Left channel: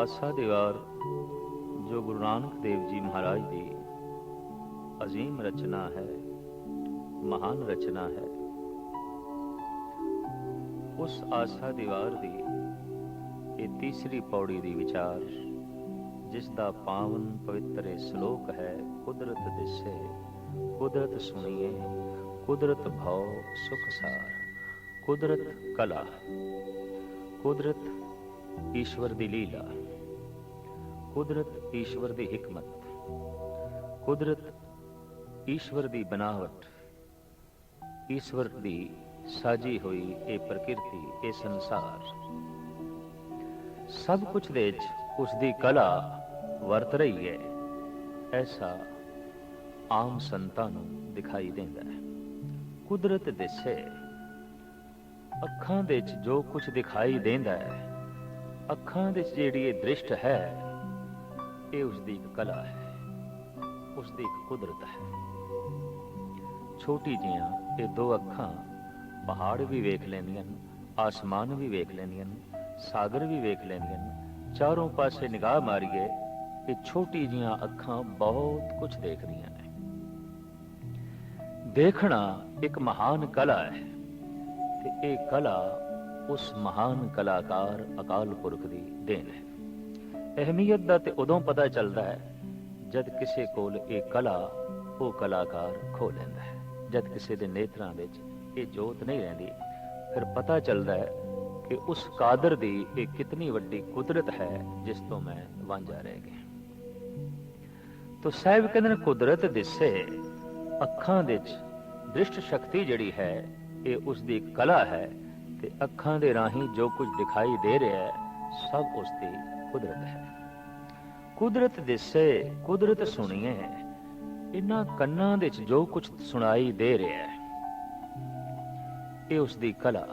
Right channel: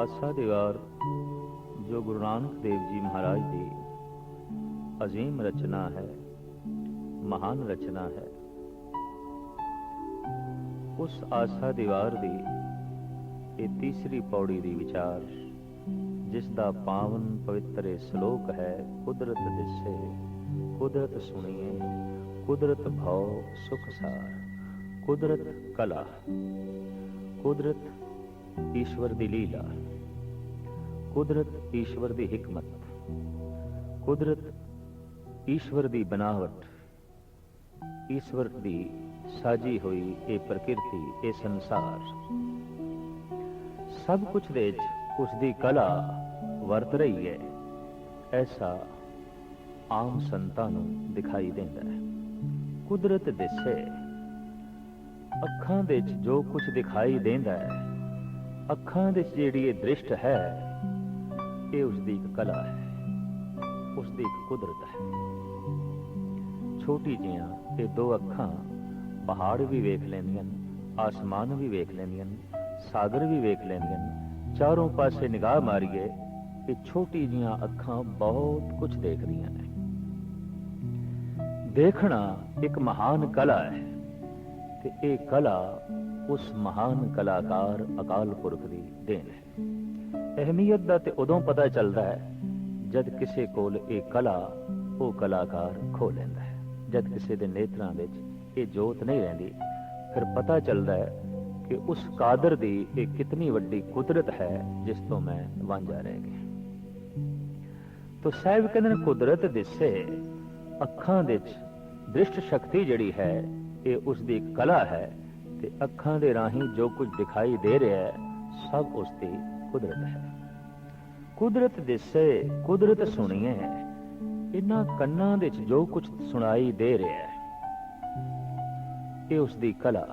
ਆਸਾ ਦੀਵਾਰ ਜੋ ਗੁਰੂ ਨਾਨਕ ਦੇਵ ਜੀ ਮਹਾਰਾਜ ਦੀ ਅਜ਼ੀਮ ਰਚਨਾ ਹੈ, ਮਹਾਨ ਰਚਨਾ ਹੈ, ਉਸ ਆਸਾ ਦੀਵਾਰ ਦੀ ਇਹ ਤੀਸਰੀ ਪੌੜੀ ਦੀ ਵਿਚਾਰ, ਜਿਸ ਦਾ ਪਾਵਨ ਪਵਿੱਤਰ ਸ਼ਲੋਕ ਹੈ, ਕੁਦਰਤ ਦਿਸੇ, ਕੁਦਰਤ ਸੁਣੀਏ, ਕੁਦਰਤ ਭਉ ਸੁਖ ਸਾਰ, ਕੁਦਰਤ ਕਲਾ, ਕੁਦਰਤ ਈਸ਼ਵਰ ਦੀ ਲੀਲਾ। ਕੁਦਰਤ ਈਸ਼ਵਰ ਦੀ ਹਕਮਤ। ਕੁਦਰਤ ਈਸ਼ਵਰ ਦੀ ਬਨਾਵਟ। ਈਸ਼ਵਰ ਦੀ ਸਾਜੀ ਹੋਈ ਇਹ ਪ੍ਰਕਿਰਤੀ, ਇਹ ਸੰਸਾਰ। ਸਭ ਕੁਝ ਦੇ ਵਿੱਚ ਉਸ ਦੀ ਕਲਾ ਵਰਤ ਰਹੀ ਹੈ। ਐਸਾ ਆਮ ਸੰਤਾਂ ਨੂੰ ਦਿਖਾਈ ਦਿੰਦਾ ਹੈ। ਕੁਦਰਤ ਦਿਸੇ। ਅੱਖਾਂ ਦੇ ਵਿੱਚ ਜੋ ਕੁਝ ਦਿਖਾਈ ਦਿੰਦਾ ਹੈ ਅੱਖਾਂ ਦੇ ਵਿੱਚ ਜਿਹੜੀ ਇਹ ਦ੍ਰਿਸ਼ਟ ਹੈ, ਇਹ ਉਸ ਦੀ ਇੱਕ ਕਲਾ ਹੈ ਉਸ ਦੀ ਕੁਦਰਤ ਹੈ। ਛੋਟੀ ਜਿਹੀਆਂ ਇਹ ਦੋ ਅੱਖਾਂ ਪਹਾੜ ਵੀ ਵੇਖ ਲੈਂਦੀਆਂ ਨੇ, ਆਸਮਾਨ ਵੀ ਵੇਖ ਲੈਂਦੀਆਂ ਨੇ, ਸਾਗਰ ਵੀ ਵੇਖ ਲੈਂਦੀਆਂ ਨੇ। ਚਾਰੋਂ ਪਾਸੇ ਨਿਗਾਹ ਮਾਰੀਏ, ਇਹ ਛੋਟੀ ਜਿਹੀਆਂ ਅੱਖਾਂ ਬਹੁਤ ਕੁਝ ਦੇਖਦੀਆਂ ਨੇ। ਦੇਖਣਾ ਇੱਕ ਮਹਾਨ ਕਲਾ ਹੈ ਤੇ ਇਹ ਕਲਾ ਉਸ ਮਹਾਨ ਕਲਾਕਾਰ ਅਕਾਲ ਪੁਰਖ ਦੀ ਦੇਣ ਹੈ। ਅਹਿਮੀਅਤ ਦਾ ਤੇ ਉਦੋਂ ਪਤਾ ਚੱਲਦਾ ਹੈ ਜਦ ਕਿਸੇ ਕੋਲ ਇਹ ਕਲਾ, ਉਹ ਕਲਾਕਾਰ ਖੋ ਲੈਂਦਾ ਹੈ। ਜਦ ਕਿਸੇ ਦੇ ਨੇਤਰਾਂ ਵਿੱਚ ਇਹ ਜੋਤ ਨਹੀਂ ਰਹਿੰਦੀ, ਫਿਰ ਪਤਾ ਚੱਲਦਾ ਹੈ ਕਿ ਉਸ ਕਾਦਰ ਦੀ ਇਹ ਕਿਤਨੀ ਵੱਡੀ ਕੁਦਰਤ ਹੈ ਜਿਸ ਤੋਂ ਮੈਂ ਵਾਂਝਾ ਰਹਿ ਗਿਆ ਤੋ ਸਾਹਿਬ ਕਹਿੰਦੇ ਨੇ, ਕੁਦਰਤ ਦਿਸੇ, ਅੱਖਾਂ ਵਿੱਚ ਦ੍ਰਿਸ਼ਟ ਸ਼ਕਤੀ ਜਿਹੜੀ ਹੈ, ਇਹ ਉਸ ਦੀ ਕਲਾ ਹੈ ਤੇ ਅੱਖਾਂ ਦੇ ਰਾਹੀਂ ਜੋ ਕੁਝ ਦਿਖਾਈ ਦੇ ਰਿਹਾ ਹੈ, ਸਭ ਉਸ ਦੀ ਕੁਦਰਤ ਹੈ। ਕੁਦਰਤ ਦਿਸੇ ਕੁਦਰਤ ਸੁਣੀਏ ਇਹਨਾਂ ਕੰਨਾਂ ਦੇ ਵਿੱਚ ਜੋ ਕੁਝ ਸੁਣਾਈ ਦੇ ਰਿਹਾ ਹੈ, ਇਹ ਉਸ ਦੀ ਕਲਾ,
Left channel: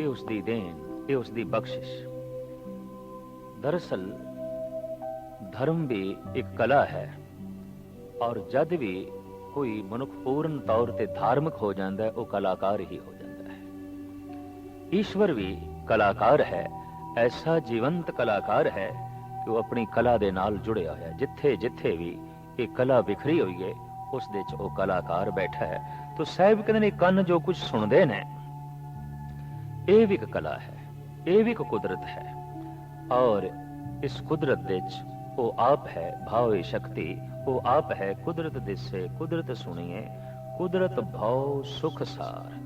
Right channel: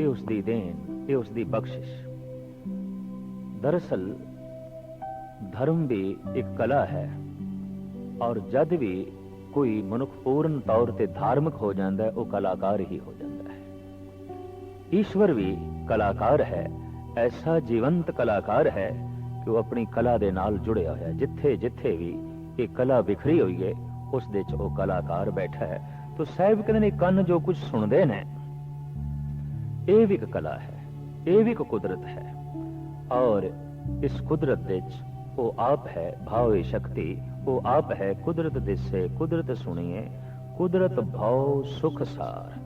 ਇਹ ਉਸ ਦੀ ਦੇਣ, ਇਹ ਉਸ ਦੀ ਬਖਸ਼ਿਸ਼। ਦਰਅਸਲ, ਧਰਮ ਵੀ ਇੱਕ ਕਲਾ ਹੈ ਔਰ ਜਦ ਵੀ ਕੋਈ ਮਨੁੱਖ ਪੂਰਨ ਤੌਰ ਤੇ ਧਾਰਮਿਕ ਹੋ ਜਾਂਦਾ ਹੈ, ਉਹ ਕਲਾਕਾਰ ਹੀ ਹੋ ਜਾਂਦਾ ਹੈ। ਈਸ਼ਵਰ ਵੀ ਕਲਾਕਾਰ ਹੈ, ਐਸਾ ਜੀਵੰਤ ਕਲਾਕਾਰ ਹੈ ਕਿ ਉਹ ਆਪਣੀ ਕਲਾ ਦੇ ਨਾਲ ਜੁੜਿਆ ਹੋਇਆ ਜਿੱਥੇ ਜਿੱਥੇ ਵੀ ਇਹ ਕਲਾ ਵਿਖਰੀ ਹੋਈ ਹੈ, ਉਸ ਦੇ ਚ ਉਹ ਕਲਾਕਾਰ ਬੈਠਾ ਹੈ। ਤੋ ਸਾਹਿਬ ਕਹਿੰਦੇ ਨੇ, ਕੰਨ ਜੋ ਕੁਝ ਸੁਣਦੇ ਨੇ, ਇਹ ਵੀ ਇੱਕ ਕਲਾ ਹੈ, ਇਹ ਵੀ ਇੱਕ ਕੁਦਰਤ ਹੈ। ਔਰ ਇਸ ਕੁਦਰਤ ਦੇ ਚ ਉਹ ਆਪ ਹੈ, ਭਾਵੇ ਸ਼ਕਤੀ, ਉਹ ਆਪ ਹੈ, ਕੁਦਰਤ ਦਿਸੇ, ਕੁਦਰਤ ਸੁਣੀਏ, ਕੁਦਰਤ ਭਾਉ ਸੁਖ ਸਾਰ।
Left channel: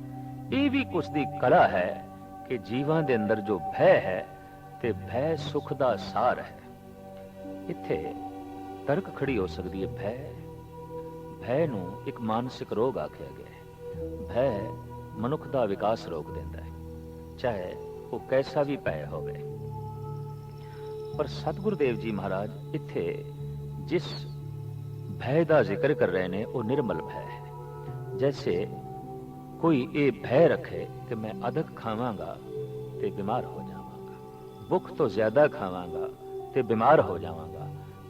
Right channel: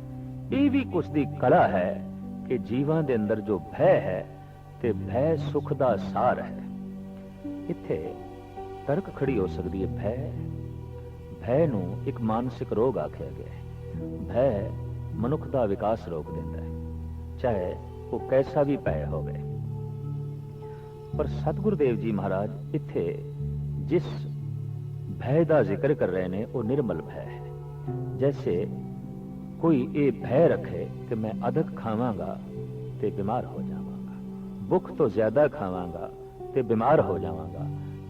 ਇਹ ਵੀ ਕੁਛ ਦੀ ਕਲਾ ਹੈ ਕਿ ਜੀਵਾਂ ਦੇ ਅੰਦਰ ਜੋ ਭੈ ਹੈ ਤੇ ਭੈ ਸੁਖ ਦਾ ਸਾਰ ਹੈ। ਇੱਥੇ ਤਰਕ ਖੜੀ ਹੋ ਸਕਦੀ ਹੈ ਭੈ। ਭੈ ਨੂੰ ਇੱਕ ਮਾਨਸਿਕ ਰੋਗ ਆਖਿਆ ਗਿਆ ਹੈ। ਭੈ ਮਨੁੱਖ ਦਾ ਵਿਕਾਸ ਰੋਕ ਦਿੰਦਾ ਹੈ, ਚਾਹੇ ਉਹ ਕੈਸਾ ਵੀ ਭੈ ਹੋਵੇ। ਪਰ ਸਤਿਗੁਰੂ ਦੇਵ ਜੀ ਮਹਾਰਾਜ ਇੱਥੇ ਜਿਸ ਭੈ ਦਾ ਜ਼ਿਕਰ ਕਰ ਰਹੇ ਨੇ, ਉਹ ਨਿਰਮਲ ਭੈ ਹੈ। ਜੈਸੇ ਕੋਈ ਇਹ ਭੈ ਰੱਖੇ ਕਿ ਮੈਂ ਅਧਿਕ ਖਾਵਾਂਗਾ ਤੇ ਬਿਮਾਰ ਹੋ ਜਾਵਾਂਗਾ। ਭੁੱਖ ਤੋਂ ਜ਼ਿਆਦਾ ਖਾਵਾਂਗਾ ਤੇ ਬਿਮਾਰ ਹੋ ਜਾਵਾਂਗਾ।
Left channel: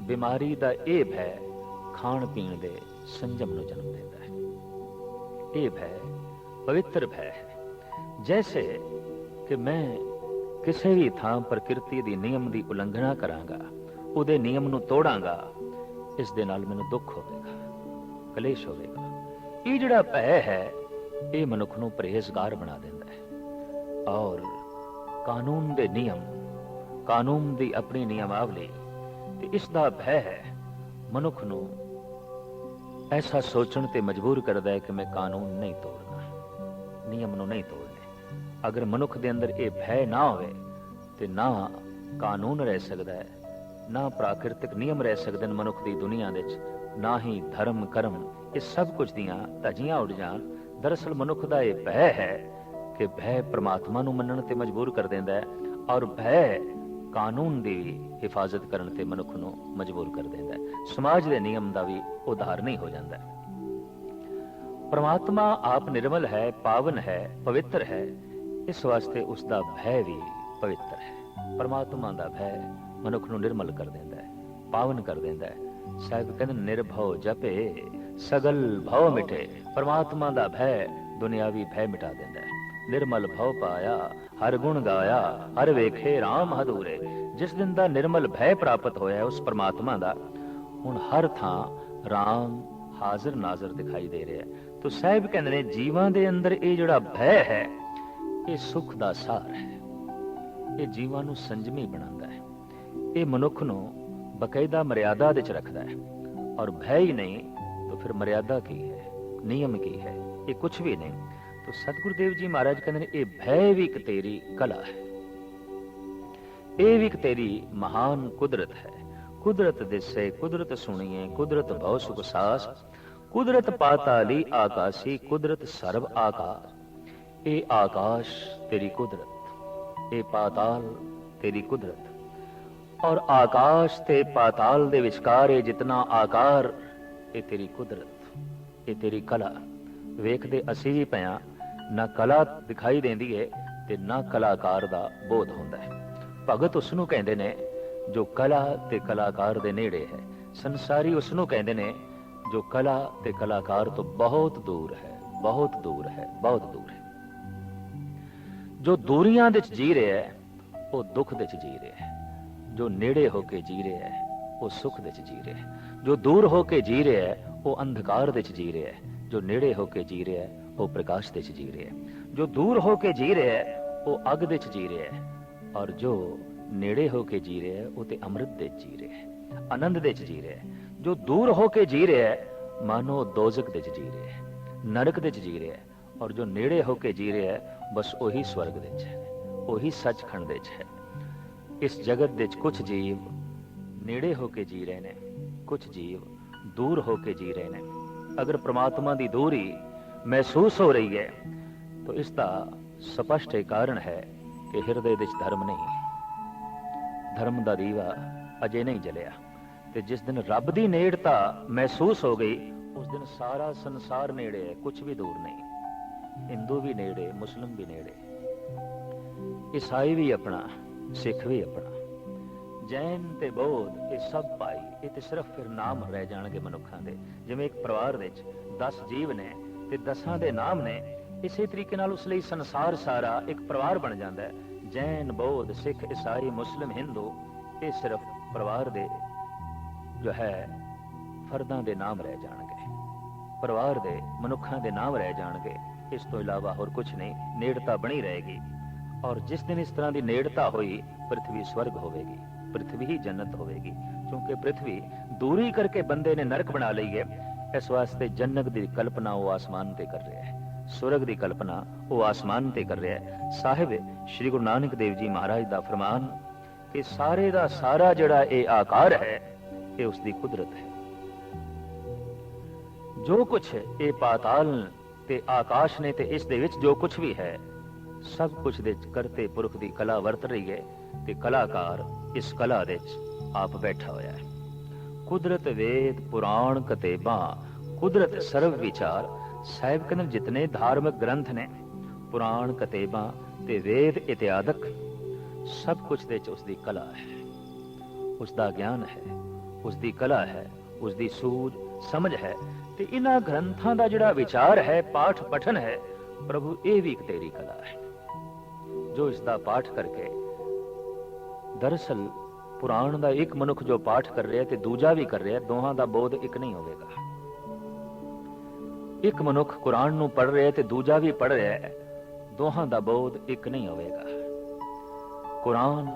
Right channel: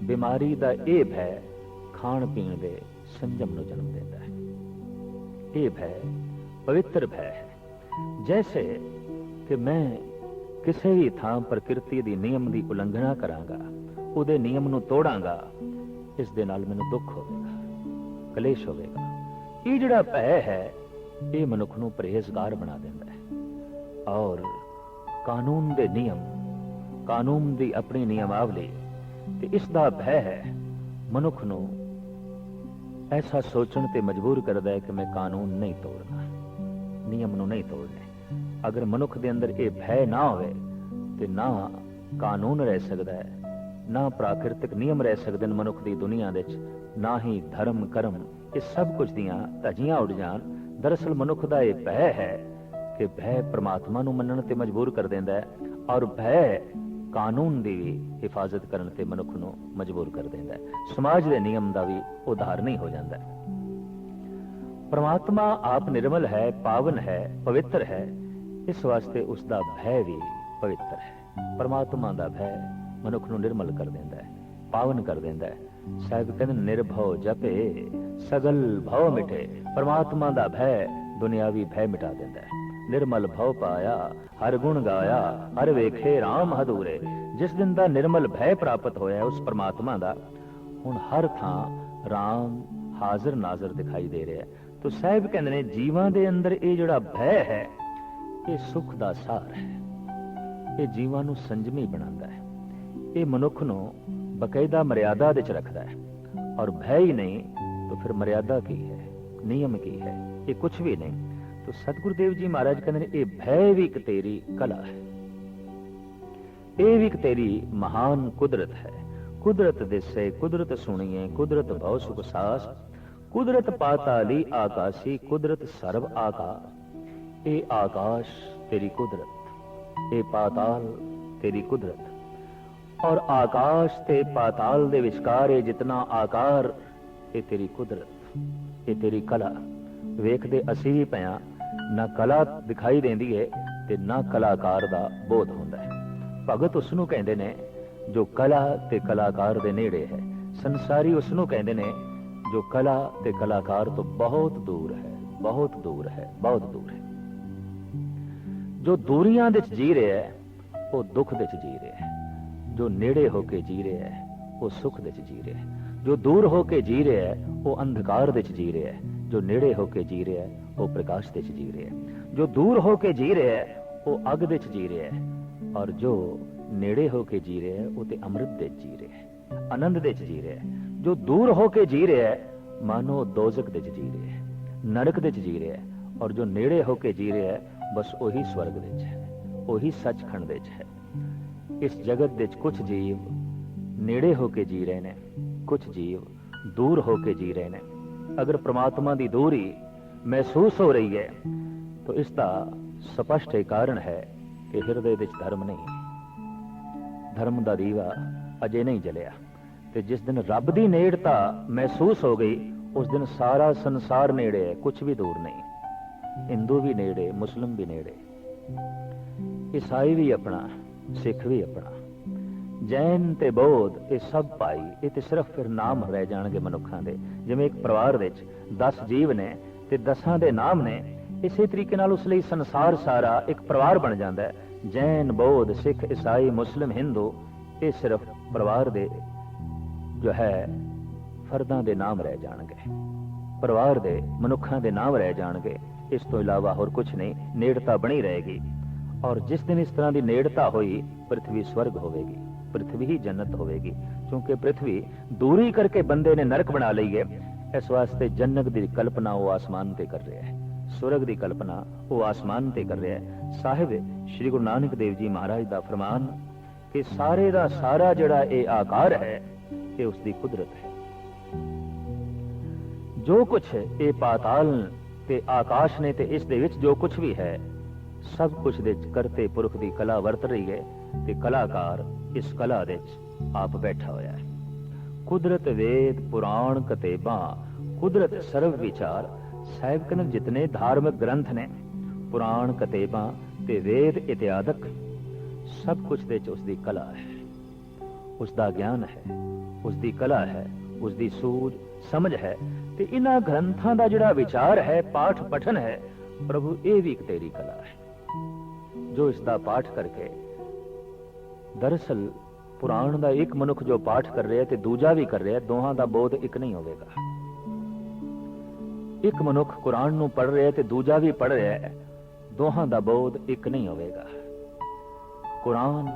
ਬਿਮਾਰੀ ਦਾ ਇਹ ਭੈ ਖਾਣ ਪੀਣ ਦੇ ਸੰਜਮ ਨੂੰ ਜਨਮ ਦਿੰਦਾ ਹੈ। ਇਹ ਭੈ ਪਵਿੱਤਰ ਭੈ ਹੈ। ਜੈਸੇ ਕਿ ਮੈਂ ਕਿਸੇ ਵੀ ਥਾਂ ਪ੍ਰਕਿਰਤੀ ਦੀ ਨਿਯਮ ਦੀ ਉਲੰਘਣਾ ਕਰਾਂਗਾ, ਉਹਦੇ ਨਿਯਮ ਨੂੰ ਤੋੜਾਂਗਾ, ਇਸ ਦੇ ਨਾਲ ਮੈਨੂੰ ਦੁੱਖ ਹੋਵੇਗਾ, ਕਲੇਸ਼ ਹੋਵੇਗਾ। ਇਹ ਜਿਹੜਾ ਭੈ ਹੈ ਇਹ ਮਨੁੱਖ ਨੂੰ ਪਰਹੇਜ਼ਗਾਰ ਬਣਾ ਦਿੰਦਾ ਹੈ। ਔਰ ਕਾਨੂੰਨ ਦੇ ਨਿਯਮ, ਕਾਨੂੰਨ ਦੀ ਆਪਣੀ ਨਿਯਮਾਵਲੀ ਤੇ ਇਸ ਦਾ ਭੈ ਹੈ, ਮਨੁੱਖ ਨੂੰ ਐਸਾ ਸੋਚਣ ਤੇ ਮਜਬੂਰ ਕਰਦਾ ਹੈ ਕਿ ਮੈਂ ਕਾਨੂੰਨ ਨਹੀਂ ਤੋੜਨਾ, ਨਿਯਮ ਨੂੰ ਨਹੀਂ ਤੋੜਨਾ। ਅਗਰ ਮਨੁੱਖ ਦੇ ਅੰਦਰ ਇਹ ਭੈ ਨਾ ਹੋਵੇ ਤੇ ਨਾ ਕਾਨੂੰਨ ਰਹਿ ਸਕਦਾ ਹੈ, ਨਾ ਪ੍ਰਾਕਿਰਤਿਕ ਨਿਯਮ ਰਹਿ ਸਕਦੇ ਨੇ ਮਨੁੱਖ ਦੀ ਦੁਨੀਆ ਵਿੱਚ, ਨਾ ਹੀ ਧਰਮ ਕਰਮ, ਇਹ ਸਭ ਕੁਝ ਦੀਆਂ ਧਜੀਆਂ ਉੱਡ ਜਾਣ ਦਰਅਸਲ ਮਨੁੱਖ ਦਾ ਇਹ ਭੈ ਹੈ ਕਿ ਭੈ ਪ੍ਰਮਾਤਮਾ ਨੂੰ ਮੰਨਣ ਤੇ ਮਜਬੂਰ ਕਰ ਦਿੰਦਾ ਹੈ ਔਰ ਭੈ ਕਾਨੂੰਨ ਦੀ ਹਿਫਾਜ਼ਤ ਕਰਨ ਤੇ ਮਨੁੱਖ ਨੂੰ ਮਜਬੂਰ ਕਰ ਦਿੰਦਾ ਹੈ। ਸਮਾਜ ਦੇ ਨਿਯਮ ਦਾ ਵੀ ਉਦਾਹਰਨ ਹੀ ਹੋ ਜਾਂਦਾ ਹੈ। ਪਰਮਾਤਮਾ ਆਪ ਨਿਰਮਲ ਹੈ, ਪਾਵਨ ਹੈ, ਪਵਿੱਤਰ ਹੈ। ਇਸ ਵਾਸਤੇ ਉਸ ਦਾ ਭੈ ਵੀ ਪਵਿੱਤਰ ਹੈ। ਪਰਮਾਤਮਾ ਦਾ ਭੈ ਮਨੁੱਖ ਨੂੰ ਨਿਰਮਲ ਕਰ ਦਿੰਦਾ ਹੈ, ਪਾਵਨ ਕਰ ਦਿੰਦਾ ਹੈ। ਸਾਹਿਬ ਕਹਿੰਦੇ, ਨਿਰਭਉ ਜਪੇ, ਸਗਲ ਭਉ ਮਿਟੇ ਪਰਮਾਤਮਾ ਦਾ ਭੈ, ਦੁਨਿਆਵੀ ਭੈ ਮਿਟਾ ਦਿੰਦਾ ਹੈ। ਨਿਰਮਲ ਭਉ ਪਾਇਆ, ਹਰ ਗੁਣ ਗਾਇਆ, ਹਰ ਵੇਖੇ RAM ਹਦੂਰੇ ਜਿਸ ਦਿਨ ਦਾ ਨਿਰਮਲ ਭੈ ਪ੍ਰਾਪਤ ਹੋਇਆ, ਉਸ ਪਰਮਾਤਮਾ ਦਾ, ਹੁਣ ਹਰ ਥਾਂ RAM ਹਾਜ਼ਰ ਨਾਜ਼ਰ ਦਿਖਾਈ ਦੇ ਰਿਹਾ ਤੋ ਸਾਹਿਬ ਕਹਿੰਦੇ ਨੇ, ਜੀਵਾਂ ਦੇ ਅੰਦਰ ਇਹ ਜਿਹੜਾ ਭੈ ਹੈ, ਇਹ ਸੁਖ ਦਾ ਸਾਰ ਹੈ। ਇਹ ਜੀਵਾਂ ਨੂੰ ਸੰਜਮੀ ਬਣਾਉਂਦਾ ਹੈ। ਇਹ ਮਨੁੱਖ ਨੂੰ ਬਕਾਇਦਾ ਮਰਿਆਦਾ ਦੇ ਚ ਰੱਖਦਾ ਹੈ। ਔਰ ਭੈ ਹੀ ਨਹੀਂ, ਤਾਂ ਫਿਰ ਮਰਿਆਦਾ ਕੀ ਹੈ? ਨਿਯਮ ਕੀ ਹੈ? ਇਹ ਕੁਝ ਵੀ ਨਹੀਂ। ਤਾਂ ਸਤਿਗੁਰੂ ਦੇਵ ਜੀ ਮਹਾਰਾਜ ਕਹਿੰਦੇ ਨੇ, ਇਹ ਭੈ ਵੀ ਇੱਕ ਤੇਰੀ ਕਲਾ ਹੈ। ਇਹ ਵੀ ਇੱਕ ਤੇਰੀ ਮਹਾਨ ਕੁਦਰਤ ਹੈ। ਕੁਦਰਤ ਦਿਸੇ, ਕੁਦਰਤ ਸੁਣੀਏ, ਕੁਦਰਤ ਬਹੁ ਸੁਖ ਸਾਸ। ਕੁਦਰਤ ਪਾਤਾਲੀ ਆਕਾਸ਼ੀ, ਕੁਦਰਤ ਸਰਬ ਆਕਾਰ। ਇਹ ਆਕਾਸ਼ ਤੇਰੀ ਕੁਦਰਤ, ਇਹ ਪਾਤਾਲ ਤੇਰੀ ਕੁਦਰਤ। ਔਰ ਆਕਾਸ਼ ਤੇ ਪਾਤਾਲ ਦੇ ਵਿਚਕਾਰ ਇਹ ਜਿਤਨਾ ਆਕਾਰ, ਇਹ ਤੇਰੀ ਕੁਦਰਤ, ਇਹ ਤੇਰੀ ਕਲਾ ਵੇਖਦੇ ਅਸੀਂ ਵੀ ਪਿਆ ਨਾ ਕਲਾ ਦਿਖਾਈ ਦਿੰਦੀ ਹੈ ਤੇ ਨਾ ਕਲਾਕਾਰ ਦਾ ਬੋਧ ਹੁੰਦਾ ਹੈ। ਭਗਤ ਉਸ ਨੂੰ ਕਹਿੰਦੇ ਨੇ, ਜੋ ਕਲਾ ਤੇ ਕਲਾਕਾਰ ਦੇ ਨੇੜੇ ਹੈ। ਸੰਸਾਰੀ ਉਸ ਨੂੰ ਕਹਿੰਦੇ ਨੇ, ਜੋ ਕਲਾ ਤੇ ਕਲਾਕਾਰ ਤੋਂ ਬਹੁਤ ਦੂਰ ਹੈ, ਬਹੁਤ ਦੂਰ ਹੈ, ਬਹੁਤ ਦੂਰ ਹੈ। ਜੋ ਦੂਰੀਆਂ ਦੇ ਚ ਜੀ ਰਿਹਾ ਹੈ, ਉਹ ਦੁੱਖ ਦੇ ਚ ਜੀ ਰਿਹਾ ਹੈ। ਜੋ ਨੇੜੇ ਹੋ ਕੇ ਜੀ ਰਿਹਾ ਹੈ ਉਹ ਸੁਖ ਦੇ ਜੀ ਰਿਹਾ ਹੈ ਜੋ ਦੂਰ ਹੋ ਕੇ ਜੀ ਰਿਹਾ ਹੈ ਉਹ ਅੰਧਕਾਰ ਦੇ ਚ ਜੀ ਰਿਹਾ ਹੈ ਜੋ ਨੇੜੇ ਹੋ ਕੇ ਜੀ ਰਿਹਾ ਹੈ ਉਹ ਪ੍ਰਕਾਸ਼ ਦੇ ਚ ਜੀ ਰਿਹਾ ਹੈ ਜੋ ਦੂਰ ਹੋ ਕੇ ਜੀ ਰਿਹਾ ਹੈ ਉਹ ਅਗ ਦੇ ਚ ਜੀ ਰਿਹਾ ਹੈ ਔਰ ਜੋ ਨੇੜੇ ਹੋ ਕੇ ਜੀ ਰਿਹਾ ਹੈ ਉਹ ਤੇ ਅੰਮ੍ਰਿਤ ਦੇ ਜੀ ਰਿਹਾ ਹੈ ਆਨੰਦ ਦੇ ਚ ਜੀ ਰਿਹਾ ਹੈ ਜੋ ਦੂਰ ਹੋ ਕੇ ਜੀ ਰਿਹਾ ਹੈ ਮਾਨੋ ਦੋਜ਼ਖ ਦੇ ਚ ਜੀ ਰਿਹਾ ਹੈ ਨਰਕ ਦੇ ਚ ਜੀ ਰਿਹਾ ਹੈ ਔਰ ਜੋ ਨੇੜੇ ਹੋ ਕੇ ਜੀ ਰਿਹਾ ਹੈ ਬਸ ਉਹੀ ਸਵਰਗ ਦੇ ਚ ਹੈ ਉਹੀ ਸੱਚਖੰਡ ਦੇ ਚ ਹੈ ਇਸ ਜਗਤ ਦੇ ਚ ਕੁਝ ਜੀਵ ਨੇੜੇ ਹੋ ਕੇ ਜੀ ਰਹੇ ਨੇ ਕੁਝ ਜੀਵ ਦੂਰ ਹੋ ਕੇ ਜੀ ਰਹੇ ਨੇ। ਅਗਰ ਪ੍ਰਮਾਤਮਾ ਦੀ ਦੂਰੀ ਮਹਿਸੂਸ ਹੋ ਰਹੀ ਹੈ, ਤਾਂ ਇਸ ਦਾ ਸਪਸ਼ਟ ਕਾਰਨ ਹੈ ਕਿ ਹਿਰਦੇ ਵਿੱਚ ਧਰਮ ਨਹੀਂ। ਹੈ ਧਰਮ ਦਾ ਦੀਵਾ ਅਜੇ ਨਹੀਂ ਜਲਿਆ ਤੇ ਜਿਸ ਦਿਨ ਰੱਬ ਦੀ ਨੇੜਤਾ ਮਹਿਸੂਸ ਹੋ ਗਈ, ਉਸ ਦਿਨ ਸਾਰਾ ਸੰਸਾਰ ਨੇੜੇ ਹੈ ਕੁਝ ਵੀ ਦੂਰ ਨਹੀਂ। ਹਿੰਦੂ ਵੀ ਨੇੜੇ, ਮੁਸਲਮ ਵੀ ਨੇੜੇ। ਈਸਾਈ ਵੀ ਆਪਣਾ ਸਿੱਖ ਵੀ ਆਪਣਾ। ਜੈਨ ਤੇ ਬੌਧ ਇਹ ਸਭ ਭਾਈ, ਇਹ ਤੇ ਸਿਰਫ ਫਿਰ ਨਾਮ ਰਹਿ ਜਾਣਗੇ ਮਨੁੱਖਾਂ ਦੇ। ਜਿਵੇਂ ਇੱਕ ਪਰਿਵਾਰ ਵਿੱਚ 10 ਜੀਵ ਨੇ ਤੇ 10ਾਂ ਦੇ ਨਾਮ ਨੇ, ਇਸੇ ਤਰੀਕੇ ਨਾਲ ਉਸ ਲਈ ਸੰਸਾਰ ਸਾਰਾ ਇੱਕ ਪਰਿਵਾਰ ਬਣ ਜਾਂਦਾ ਹੈ। ਜੈਨ, ਬੌਧ, ਸਿੱਖ, ਈਸਾਈ, ਮੁਸਲਿਮ, ਹਿੰਦੂ, ਇਹ ਸਿਰਫ ਪਰਿਵਾਰ ਦੇ ਜੋ ਹੈ, ਫਰਦਾਂ ਦੇ ਨਾਮ ਰਹਿ ਜਾਣਗੇ। ਪਰਿਵਾਰ ਦੇ ਮਨੁੱਖਾਂ ਦੇ ਨਾਮ ਰਹਿ ਜਾਣਗੇ। ਇਸ ਤੋਂ ਇਲਾਵਾ ਹੋਰ ਕੁਝ ਨਹੀਂ, ਨੇੜਤਾ ਬਣੀ ਰਹੇਗੀ। ਔਰ ਜਿਸ ਦਿਨ ਇਸ ਤਰ੍ਹਾਂ ਦੀ ਨੇੜਤਾ ਹੋਈ ਪ੍ਰithvi ਸਵਰਗ ਹੋਵੇਗੀ ਪ੍ਰithvi ਹੀ ਜੰਨਤ ਹੋਵੇਗੀ, ਕਿਉਂਕਿ ਪ੍ਰithvi ਦੂਰੀ ਕਰਕੇ ਬੰਦੇ ਨੇ ਨਰਕ ਬਣਾ ਲਈ ਹੈ, ਇਸ ਵਾਸਤੇ ਜੰਨਤ ਦੀ ਕਲਪਨਾ ਉਹ ਆਸਮਾਨ ਤੇ ਕਰ ਰਿਹਾ ਹੈ, ਸਵਰਗ ਦੀ ਕਲਪਨਾ ਉਹ ਆਸਮਾਨ ਤੇ ਕਰ ਰਿਹਾ ਹੈ। ਸਾਹਿਬ, ਸ੍ਰੀ ਗੁਰੂ ਨਾਨਕ ਦੇਵ ਜੀ ਮਹਾਰਾਜ ਦਾ ਫਰਮਾਨ ਕਿ ਸਾਰੇ ਦਾ ਸਾਰਾ ਜਿਹੜਾ ਇਹ ਆਕਾਰ ਹੈ, ਇਹ ਉਸ ਦੀ ਕੁਦਰਤ ਹੈ। ਜੋ ਕੁਝ ਇਹ ਪਾਤਾਲ ਤੇ ਆਕਾਸ਼ ਨੇ ਤੇ ਇਸ ਦੇ ਵਿੱਚ ਜੋ ਕੁਝ ਵੀ ਹੈ ਸਭ ਕੁਝ ਦੇ ਚ ਕਰਤੇ ਪੁਰਖ ਦੀ ਕਲਾ ਵਰਤ ਰਹੀ ਹੈ ਤੇ ਕਲਾਕਾਰ ਇਸ ਕਲਾ ਦੇ ਚ ਆਪ ਬੈਠਾ ਹੋਇਆ ਹੈ। ਕੁਦਰਤ ਵੇਦ, ਪੁਰਾਣ ਕਤੇਬਾਂ, ਕੁਦਰਤ ਸਰਵ ਵਿਚਾਰ ਸਾਹਿਬ ਕਹਿੰਦੇ ਜਿਤਨੇ ਧਾਰਮਿਕ ਗ੍ਰੰਥ ਨੇ, ਪੁਰਾਣ ਕਤੇਬਾਂ ਤੇ ਵੇਦ ਇਤਿਆਦਕ ਸਭ ਕੁਝ ਦੇ ਵਿੱਚ ਉਸ ਦੀ ਕਲਾ ਹੈ। ਉਸ ਦਾ ਗਿਆਨ ਹੈ ਉਸ ਦੀ ਕਲਾ ਹੈ ਉਸ ਦੀ ਸੂਝ, ਸਮਝ ਹੈ ਤੇ ਇਹਨਾਂ ਗ੍ਰੰਥਾਂ ਦਾ ਜਿਹੜਾ ਵਿਚਾਰ ਹੈ ਪਾਠ ਪਠਨ ਹੈ, ਪ੍ਰਭੂ ਇਹ ਵੀ ਇੱਕ ਤੇਰੀ ਕਲਾ ਹੈ। ਜੋ ਇਸ ਦਾ ਪਾਠ ਕਰਕੇ। ਦਰਅਸਲ, ਪੁਰਾਣ ਦਾ ਇੱਕ ਮਨੁੱਖ ਜੋ ਪਾਠ ਕਰ ਰਿਹਾ ਤੇ ਦੂਜਾ ਵੀ ਕਰ ਰਿਹਾ, ਦੋਹਾਂ ਦਾ ਬੋਧ ਇੱਕ ਨਹੀਂ ਹੋਵੇਗਾ। ਇੱਕ ਮਨੁੱਖ ਕੁਰਾਨ ਨੂੰ ਪੜ੍ਹ ਰਿਹਾ ਤੇ ਦੂਜਾ ਵੀ ਪੜ੍ਹ ਰਿਹਾ ਹੈ, ਦੋਹਾਂ ਦਾ ਬੋਧ ਇੱਕ ਨਹੀਂ ਹੋਵੇਗਾ। ਕੁਰਾਨ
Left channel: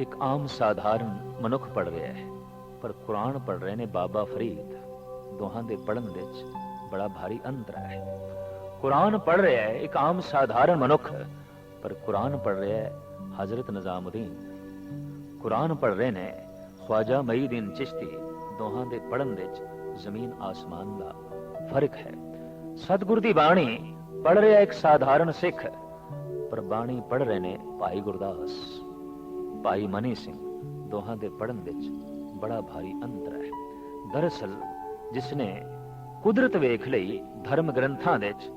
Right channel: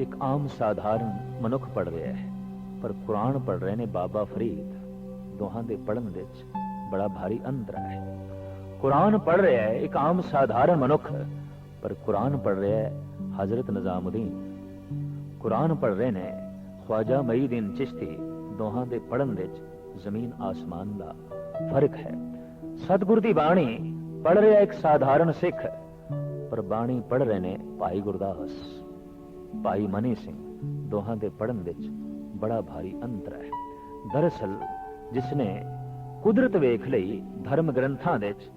ਇੱਕ ਆਮ ਸਾਧਾਰਨ ਮਨੁੱਖ ਪੜ੍ਹ ਰਿਹਾ ਹੈ, ਪਰ ਕੁਰਾਨ ਪੜ੍ਹ ਰਹੇ ਨੇ ਬਾਬਾ ਫਰੀਦ। ਦੋਹਾਂ ਦੇ ਪੜ੍ਹਨ ਵਿੱਚ ਬੜਾ ਭਾਰੀ ਅੰਤਰ ਹੈ। ਕੁਰਾਨ ਪੜ੍ਹ ਰਿਹਾ ਹੈ, ਇੱਕ ਆਮ ਸਾਧਾਰਨ ਮਨੁੱਖ। ਪਰ ਕੁਰਾਨ ਪੜ੍ਹ ਰਿਹਾ ਹੈ ਹਜ਼ਰਤ ਨਿਜ਼ਾਮੁਦੀਨ। ਕੁਰਾਨ ਪੜ੍ਹ ਰਹੇ ਨੇ ਖਵਾਜਾ ਮਈਦੀਨ ਚਿਸ਼ਤੀ, ਦੋਹਾਂ ਦੇ ਪੜ੍ਹਨ ਵਿੱਚ ਜ਼ਮੀਨ ਆਸਮਾਨ ਦਾ ਫ਼ਰਕ ਹੈ। ਸਤਿਗੁਰ ਦੀ ਬਾਣੀ ਪੜ੍ਹ ਰਿਹਾ ਇੱਕ ਸਾਧਾਰਨ ਸਿੱਖ, ਪਰ ਬਾਣੀ ਪੜ੍ਹ ਰਹੇ ਨੇ ਭਾਈ ਗੁਰਦਾਸ। ਭਾਈ ਮਨੀ ਸਿੰਘ, ਦੋਹਾਂ ਦੇ ਪੜ੍ਹਨ ਵਿੱਚ ਬੜਾ ਭਾਰੀ ਅੰਤਰ ਹੈ। ਦਰਅਸਲ, ਜਿਸ ਨੇ ਕੁਦਰਤ ਵੇਖ ਲਈ, ਧਰਮ ਗ੍ਰੰਥਾਂ ਵਿੱਚ,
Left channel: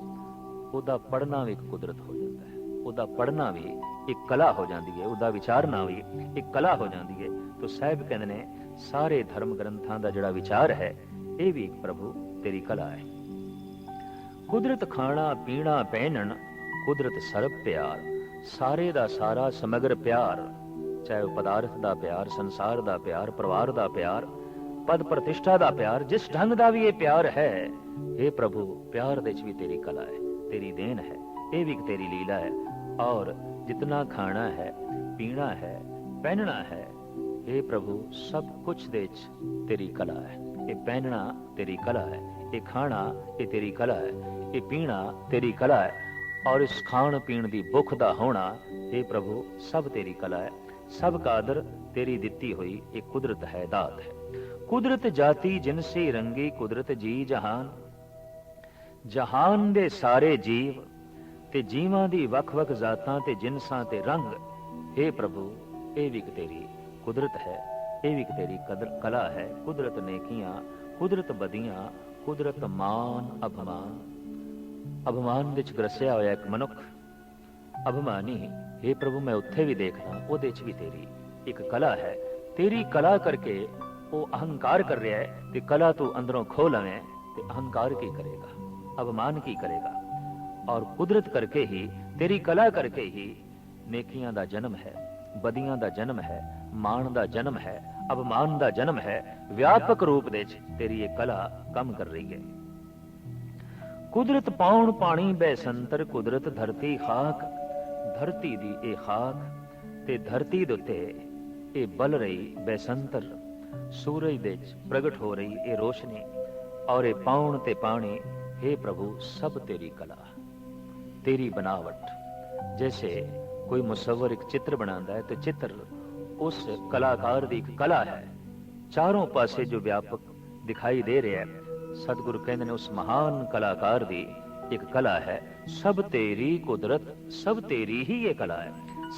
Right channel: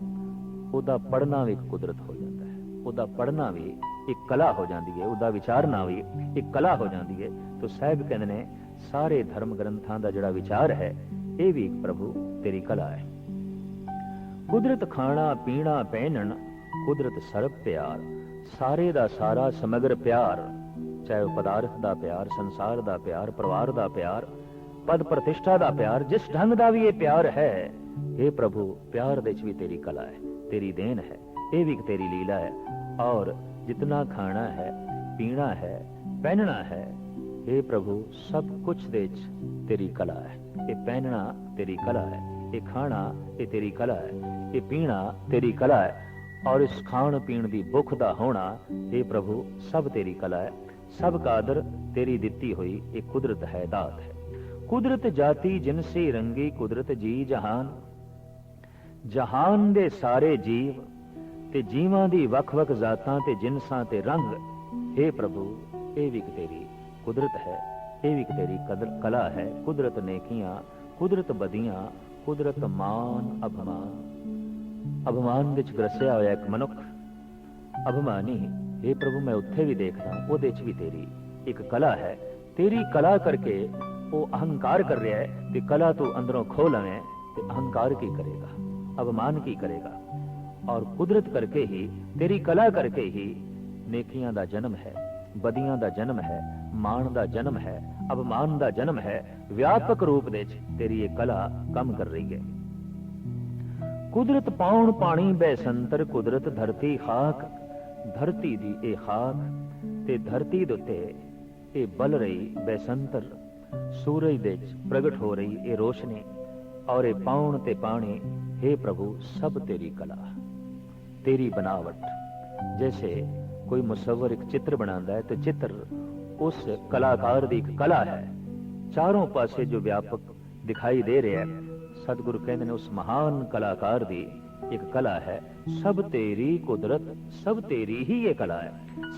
ਉਹਦਾ ਪੜ੍ਹਨਾ ਵੀ ਕੁਦਰਤ ਹੋ ਜਾਂਦਾ ਹੈ। ਉਹਦਾ ਪੜ੍ਹਨਾ ਵੀ ਇੱਕ ਕਲਾ ਹੋ ਜਾਂਦੀ ਹੈ, ਉਹਦਾ ਵਿਚਾਰਨਾ ਵੀ ਇੱਕ ਕਲਾ ਹੋ ਜਾਂਦੀ ਹੈ। ਤੇ ਸਾਹਿਬ ਕਹਿੰਦੇ ਨੇ, ਸਾਰੇ ਧਰਮ ਗ੍ਰੰਥਾਂ ਦਾ ਜਿਹੜਾ ਵਿਚਾਰ ਹੈ, ਇਹ ਵੀ ਇੱਕ ਪ੍ਰਭੂ ਤੇਰੀ ਕਲਾ ਹੈ। ਕੁਦਰਤ ਖਾਣਾ, ਪੀਣਾ, ਪਹਿਨਣ, ਕੁਦਰਤ ਸਰਬ ਪਿਆਰ, ਸਾਰੇ ਦਾ ਸਾਰਾ ਸਮਗਰ ਪਿਆਰ, ਚਾਹੇ ਉਹ ਪਦਾਰਥ ਦਾ ਪਿਆਰ, ਸੰਸਾਰ ਦਾ ਪਿਆਰ, ਪਰਿਵਾਰ ਦਾ ਪਿਆਰ ਪਦ ਪ੍ਰਤਿਸ਼ਠਾ ਦਾ ਪਿਆਰ ਜਿਸ ਢੰਗ ਦਾ ਵੀ ਇਹ ਪਿਆਰ ਹੈ हे ਪ੍ਰਭੂ ਪਿਆਰ ਦੇ ਵਿੱਚ ਵੀ ਤੇਰੀ ਕਲਾ ਹੈ ਤੇਰੀ ਦੇਣ ਹੈ ਇਹ ਵੀ ਇੱਕ ਤੇਰੀ ਲੀਲਾ ਹੈ ਔਰ ਜਿਤਨਾ ਖਾਣਾ ਹੈ ਪੀਣਾ ਹੈ ਪਹਿਨਣਾ ਹੈ हे ਪ੍ਰਭੂ ਸਭ ਕੁਝ ਦੇ ਵਿੱਚ ਤੇਰੀ ਕਲਾ ਹੈ ਇਹ ਪਹਿਨਣਾ ਤੇਰੀ ਕਲਾ ਹੈ ਇਹ ਖਾਣਾ ਇਹ ਤੇਰੀ ਕਲਾ ਹੈ ਇਹ ਪੀਣਾ ਤੇਰੀ ਕਲਾ ਹੈ ਔਰ ਇਸ ਖਾਣ ਪੀਣ ਦੀ ਭੁੱਖ ਦਾ ਹੋਣਾ हे ਪ੍ਰਭੂ ਸਭ ਤੇਰੀ ਕਲਾ ਹੈ ਸਭ ਕਾਦਰ ਤੇਰੀ ਦਿੱਤੀ ਹੋਈ ਇਹ ਕੁਦਰਤ ਹੈ ਦਾਤ ਹੈ ਕੁਦਰਤ ਜਾਤੀ ਜਿਨਸੀ ਰੰਗੀ ਕੁਦਰਤ ਜੀ ਜਹਾਨ। ਜਹਾਨ ਦੇ ਸਾਰੇ ਜੀਵ ਤੇ ਜੀਵਾਂ ਦੀ ਵੱਖ-ਵੱਖ ਜ਼ਾਤਾਂ ਤੇ ਜਿਨਸਾਂ ਤੇ ਰੰਗ हे ਪ੍ਰਭੂ, ਇਹ ਵੀ ਤੇਰੀ ਕੁਦਰਤ ਹੈ, ਇਹ ਵੀ ਤੇਰੀ ਕਦਰ, ਕਲਾ ਹੈ। ਕੁਦਰਤ ਨੇਕੀਆਂ, ਕੁਦਰਤ ਬਦੀਆਂ ਕੁਦਰਤ ਮਾਨ ਅਭਮਾਨ। ਅਭਮਾਨ ਵਿੱਚ ਗਰਸਿਆ ਹੋਇਆ ਇੱਕ ਮਨੁੱਖ, ਅਭਮਾਨੀ हे ਪ੍ਰਭੂ, ਮੈਂ ਉੱਥੇ ਵੀ ਦੇਖਦਾ ਉਹਦੇ 'ਚ ਵੀ ਤੇਰੀ ਇੱਕ ਕਲਾ ਹੈ। ਤੇਰੀ ਕਲਾ ਕਰਕੇ ਉਹ ਅਹੰਕਾਰ ਕਰ ਰਿਹਾ ਹੈ ਕਿ ਕਲਾ ਤੂੰ ਅੰਦਰੋਂ ਖੋ ਲਵੇਂ ਤੇ ਅਹੰਕਾਰ ਕੀ ਕਰੇਗਾ ਅਭਮਾਨ ਕੀ ਕਰੇਗਾ ਔਰ ਕੁਦਰਤ ਕਰਕੇ ਹੀ ਤੇਰੀ ਕਲਾ ਕਰਕੇ ਹੀ ਨੇਕੀਆਂ ਦਾ ਜਨਮ ਹੈ ਬਦੀਆਂ ਦਾ ਜਨਮ ਹੈ ਮਾਣ ਦਾ ਜਨਮ ਹੈ ਅਭਮਾਨ ਦਾ ਜਨਮ ਹੈ ਵਿਆਪਕ ਰੂਪ ਦੇ ਵਿੱਚ ਤੇਰੀ ਇਹ ਕਲਾ ਕੰਮ ਕਰ ਰਹੀ ਹੈ ਕੁਦਰਤ ਪਾਉਣ ਪਾਣੀ ਬੈਸੰਤਰ ਕੁਦਰਤ ਧਰਤੀ ਖਾਕ ਧਰਤੀ ਦੀ ਇਹ ਖਾਕ ਤੇ ਧਰਤੀ ਦੇ ਉੱਤੇ ਇਹ ਬਲ ਰਹੀ ਬੈਸੰਤਰ ਸੂਰਜ ਦੇ ਵਿੱਚ ਪ੍ਰਗਟ ਹੋ ਰਹੀ ਇਹ ਰੋਸ਼ਨੀ ਔਰ ਇਹ ਪਾਉਣ ਤੇ ਪਾਣੀ हे ਪ੍ਰਭੂ, ਸਭ ਤੇਰੀ ਕਲਾ। ਤੇਰੀ ਬਨਾਵਟ, ਜੈਸੇ ਕੋਈ ਮੁਸਵਰ ਇੱਕ ਚਿੱਤਰ ਬਣਾਉਂਦਾ ਹੈ, ਤਾਂ ਚਿੱਤਰ ਉਸ ਕਲਾਕਾਰ ਦੀ ਇੱਕ ਕਲਾ ਹੈ। ਚਾਰੋਂ ਪਾਸੇ ਜੋ ਵਿਆਪਕ ਦਿਖਾਈ ਦੇ ਰਿਹਾ ਹੈ, ਸਤਿਗੁਰੂ ਕਹਿੰਦੇ ਨੇ ਉਸ ਮਹਾਨ ਕਲਾਕਾਰ ਦੀ ਇੱਕ ਕਲਾ ਹੈ, ਸਭ ਤੇਰੀ ਕੁਦਰਤ, ਸਭ ਤੇਰੀ ਹੀ ਇਹ ਕਲਾ ਹੈ।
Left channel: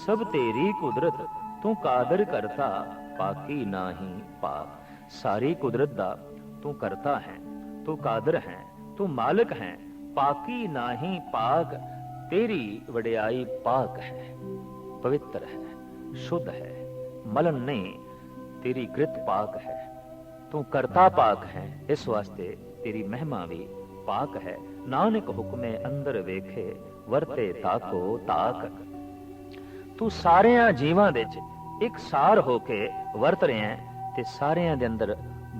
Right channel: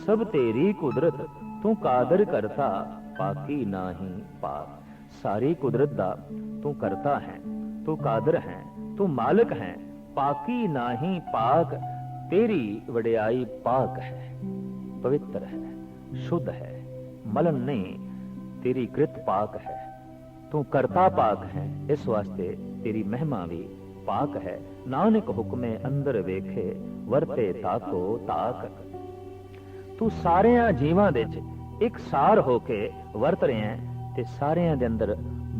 ਸਭ ਤੇਰੀ ਕੁਦਰਤ, ਤੂੰ ਕਾਦਰ ਕਰਤਾ। ਪਾਕੀ ਨਾਹੀ ਪਾਕ। ਸਾਰੀ ਕੁਦਰਤ ਦਾ ਤੂੰ ਕਰਤਾ ਹੈ, ਤੂੰ ਕਾਦਰ ਹੈ, ਤੂੰ ਮਾਲਕ ਹੈ। ਪਾਕੀ ਨਾਹੀ ਪਾਕ, ਤੇਰੀ ਵਡਿਆਈ ਪਾਕ ਹੈ। ਪਵਿੱਤਰ ਹੈ, ਸ਼ੁੱਧ ਹੈ, ਮਲਨ ਨਹੀਂ, ਤੇਰੀ ਕ੍ਰਿਤ ਪਾਕ ਹੈ। ਤੂੰ ਕਰਤਾ ਪਾਕ ਹੈ, ਇਸ ਵਾਸਤੇ ਤੇਰੀ ਮਹਿਮਾ ਵੀ ਪਾਕ ਹੈ। ਨਾਨਕ ਹੁਕਮੇ ਅੰਦਰ ਵੇਖੇ, ਵਰਤੇ ਤਾਕੋ ਤਾਕ। ਤੂੰ ਸਾਰਿਆਂ ਜੀਵਾਂ ਦੇ ਵਿੱਚ ਇੱਕ ਸਾਰ ਹੋ ਕੇ ਵਰਤ ਰਿਹਾ ਹੈ ਤੇ ਸਾਰਿਆਂ ਦੇ ਅੰਦਰ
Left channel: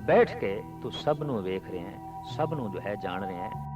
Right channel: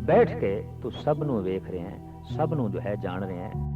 ਬੈਠ ਕੇ ਤੂੰ ਸਭ ਨੂੰ ਵੇਖ ਰਿਹਾ ਹੈ, ਸਭ ਨੂੰ ਜੋ ਹੈ ਜਾਣ ਰਿਹਾ ਹੈ।